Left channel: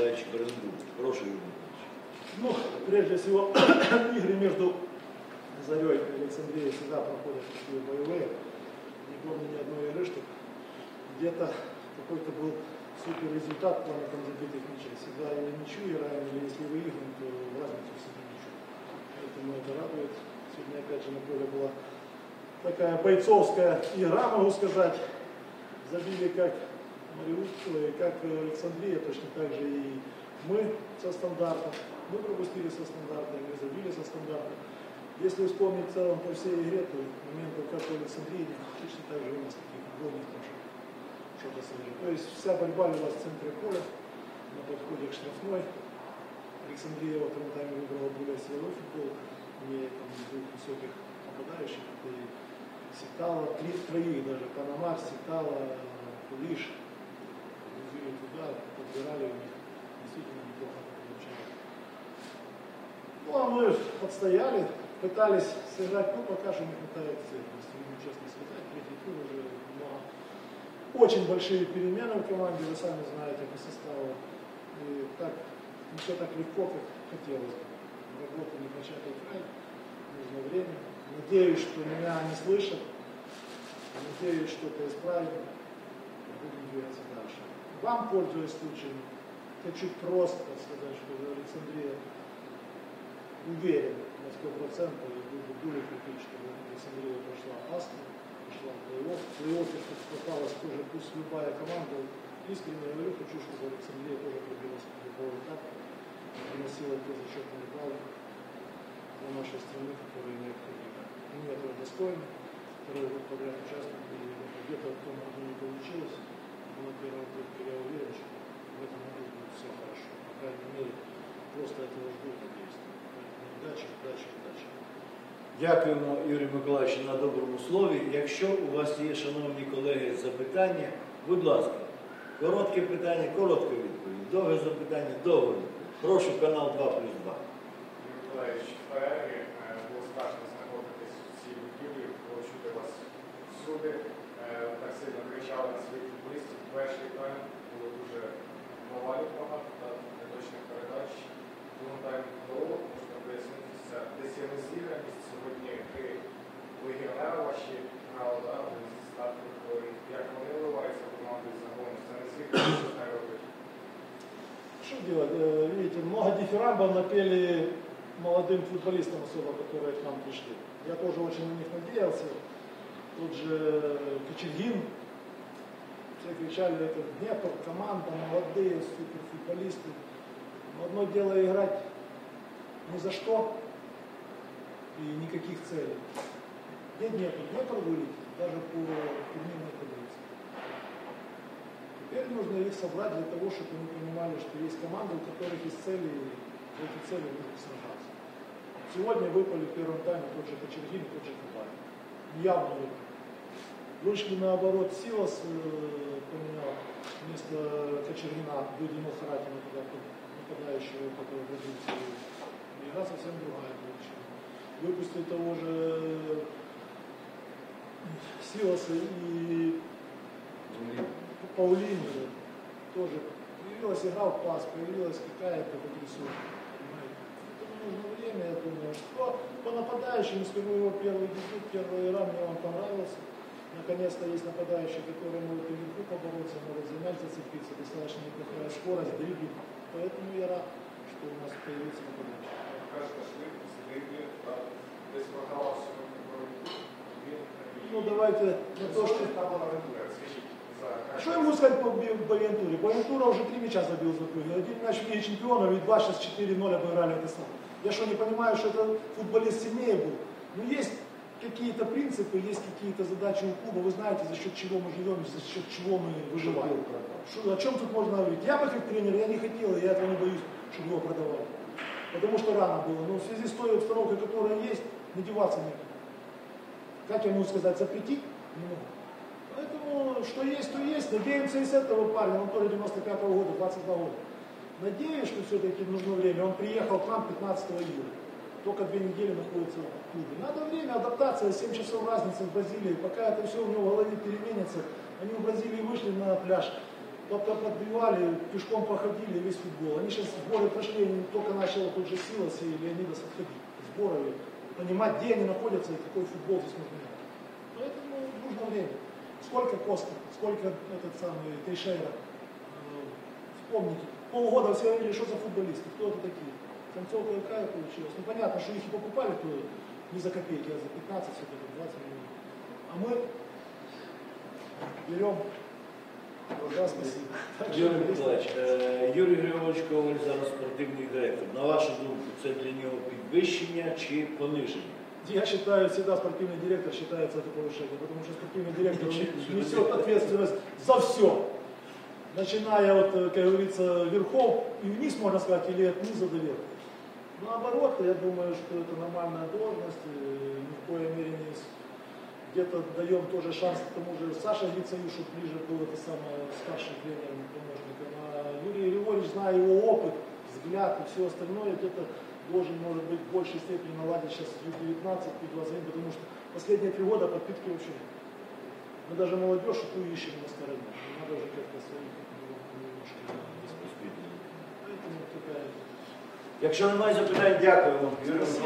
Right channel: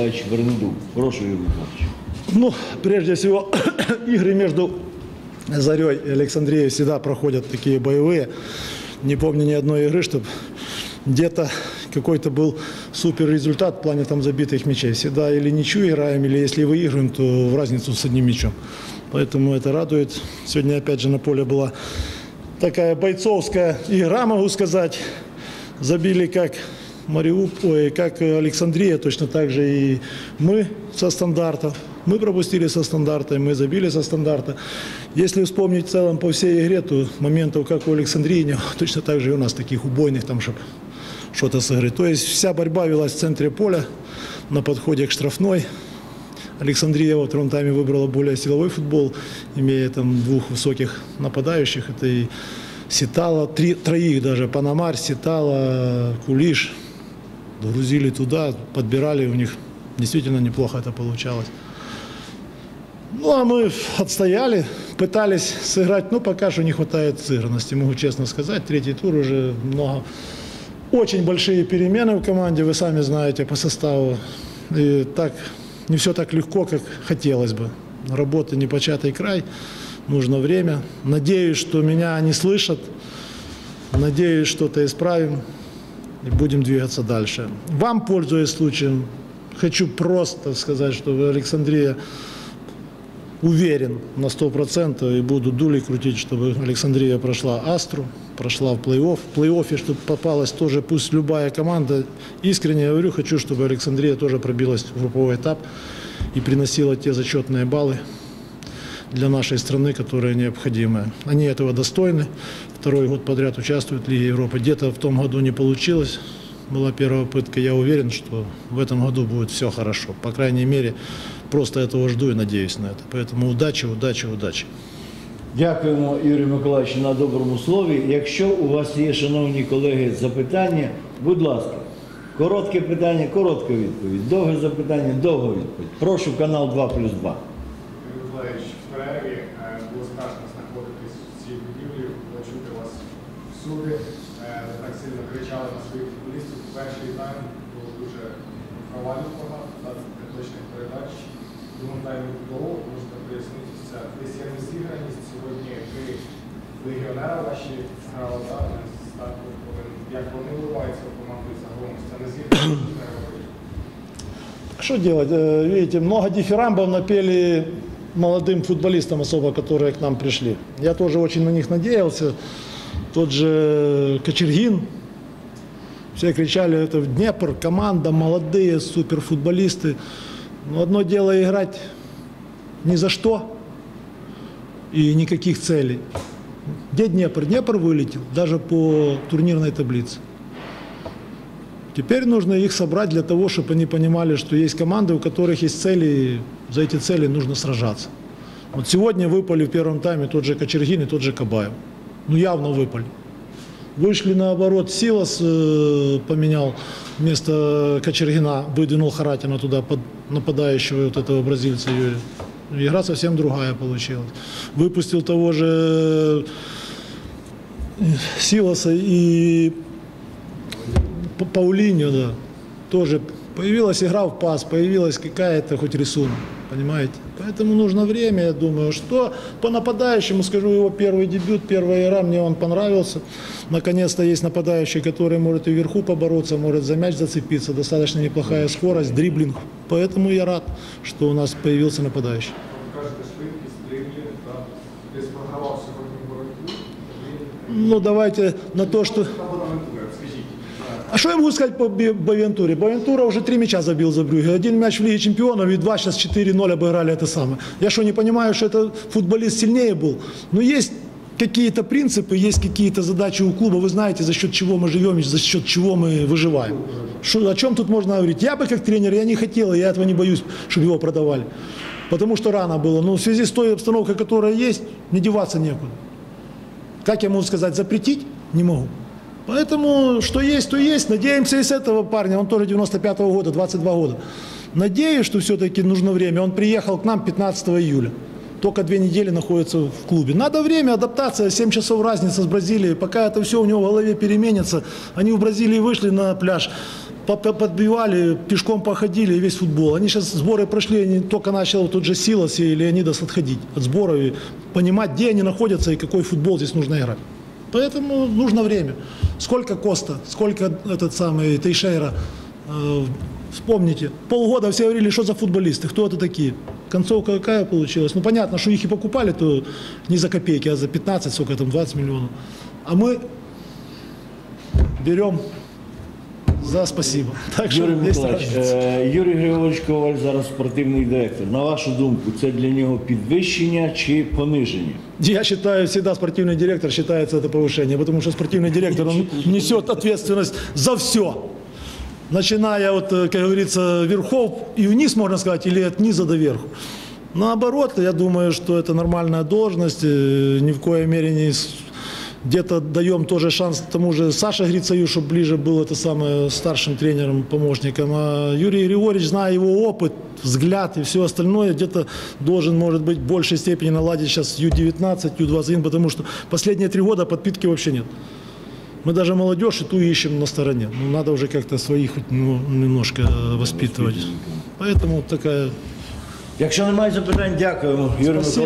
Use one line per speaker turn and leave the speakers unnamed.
Миколаївич Вернедуб. Прошу, Юрій Миколаївич.
Ну, прежде всего, игры между Зарей и Александрией всегда проходят такие боевые. Не помню ни одной игры, чтобы где-то какой-то был супер результат в плане там забитых мячей. Всегда или ничью играем, или если выигрываем, то в разницу с одним мячом. Поэтому это радует. Сегодня опять же на поле была такая бойцовская игра, могу сказать. Забили как Мариуполь, как Александрия, точно так же и мы со стандарта. Мы пропустили со стандарта, мы забили со стандарта. Если вспомнить в целом по всей игре, то моментов, как у Александрии, не было, точно так же и у нас таких убойных, там, чтобы что-то сыграть. То есть вся борьба велась в центре поля, на подходе к штрафной. Александрия во втором тайме выбрала более силовой футбол, имея там двух высоких нападающих. Это и Ситала, три, троих даже, Панамарь, Ситала, Кулиш. Грузили туда, подбирали, у них действительно неплохо это получалось. Ну, а мы отстояли, пытались сыграть, но пока что не хватает сыгранности, могу честно сказать. Третий тур уже много, очень большие перемены в команде, вы сами знаете, по составу. И так, не все так легко, как хотелось бы. Работа непочатый край, нужно время. Надеюсь, что меня не слышат, надеюсь, что-то исправим и будем двигаться дальше. Вам, пользуясь случаем, хочу просто сказать, что Александрия уверен на 100% и буду дули крутить, чтобы Александрия прошла Астру, прошла в плей-офф. В плей-оффе, чтобы попалась тоже, пусть любая команда. Искренне говорю, хочу, чтобы Александрия тоже пробилась в групповой этап и приносила те зачетные баллы для нашей страны, которые необходимы. Они этого достойны. Второй год подряд участвуют в Лиге Европы. Где-то в том году не получилось. Была первая попытка. Я уверен, что в этом году будет все хорошо. По крайней мере, просто этого жду и надеюсь на это. Поэтому удачи, удачи, удачи.
Дякуємо, Юрію Миколаївичу, на доброму слові. Якщо у вас є, шановні колеги, запитання, будь ласка, коротке питання, коротка відповідь. Довге запитання, довга відповідь. Прошу канал 2 плюс 2.
Юрій Миколаївич, в перерві е, було страшно знаходитись в цій будівлі, було чути вас всюди, е, так сильно кричали на своїх футболістів. Перший тайм було дуже провалів багато, так, неточних передач. Тому тайм не було, можна пояснити це. Десь є розіграність, сьогодні три легіонери ваші грали зараз, так, як вони виливаються в команду і загалом, це не зіграність, не робить.
Что делать? Э, Видите, много дифирамбов напели молодым футболистам особо, которые к нам пришли. Я тоже очень на них надеялся. Тот же Кочергин. Все кричали, это в Днепр, команда, молодые суперфутболисты. Но одно дело играть ни за что и никаких целей. Где Днепр? Днепр вылетел даже по турнирной таблице. Теперь нужно их собрать для того, чтобы они понимали, что есть команды, у которых есть цели, и за эти цели нужно сражаться. Вот сегодня выпали в первом тайме тот же Кочергин и тот же Кабаев. Ну явно выпали. Вышли наоборот, Силас э, поменял вместо Кочергина, выдвинул Харатина туда под нападающего вот этого бразильца Юрия. Игра совсем другая получилась. Выпустил того же э, Силаса и Паулиньо, да, тоже появилась игра в пас, появилась какая-то хоть рисунок, понимаете? Поэтому нужно время, я думаю, что по нападающему, скажу, его первый дебют, первая игра, мне он понравился. Наконец-то есть нападающий, который может и вверху побороться, может за мяч зацепиться, достаточно неплохая скорость, дриблинг. Поэтому я рад, что у нас появился нападающий.
От кажете, швидкість, дрібні, та десь програвав сьогодні боротьбу. Він
Ну давайте на то, что... А что я могу сказать по Бовентуре? Бовентура уже три мяча забил за Брюге. Один мяч в Лиге Чемпионов и два сейчас 4-0 обыграли это самое. Я что, не понимаю, что это футболист сильнее был? Но есть какие-то принципы, есть какие-то задачи у клуба. Вы знаете, за счет чего мы живем и за счет чего мы выживаем. Что, о чем тут можно говорить? Я бы как тренер, я не хотел, я этого не боюсь, чтобы его продавали. Потому что рано было. Но в связи с той обстановкой, которая есть, не деваться некуда. Как я могу сказать, запретить? Не могу. Поэтому, что есть, то есть. Надеемся и с этого парня, он тоже 95-го года, 22 года. Надеюсь, что все-таки нужно время. Он приехал к нам 15 июля. Только две недели находится в клубе. Надо время, адаптация, 7 часов разница с Бразилией. Пока это все у него в голове переменится. Они в Бразилии вышли на пляж. по- по- подбивали, пешком походили весь футбол. Они сейчас сборы прошли, они только начал тут же Силас и Леонидас отходить от сборов и понимать, где они находятся и какой футбол здесь нужно играть. Поэтому нужно время. Сколько Коста, сколько этот самый Тейшейра. Э, Вспомните, полгода все говорили, что за футболисты, кто это такие. Концовка какая получилась? Ну понятно, что их и покупали, то не за копейки, а за 15, сколько там, 20 миллионов. А мы берем за спасибо. Так что
Юрій
есть
Миколаївич,
разница.
е, Юрій Григорович Коваль зараз спортивний директор. На вашу думку, це для нього підвищення чи пониження?
Я считаю, всегда спортивный директор считается это повышение, потому что спортивный директор, он несет ответственность за все. Начиная от, э, как говорится, верхов и вниз, можно сказать, или от низа до верху. Наоборот, я думаю, что это нормальная должность, э, ни в коей мере не с- где-то даем тоже шанс тому же Саше Грицаю, чтобы ближе был это самое старшим тренером, помощником. А Юрий Григорьевич, зная его опыт, взгляд и все остальное, где-то должен, может быть, в большей степени наладить сейчас Ю-19, Ю-21, потому что последние три года подпитки вообще нет. Мы даже молодежь и ту ищем на стороне. Ну, надо уже как-то своих хоть, ну, немножко э, воспитывать. Поэтому такая
Якщо немає запитань, дякуємо. Юрій Миколаївич.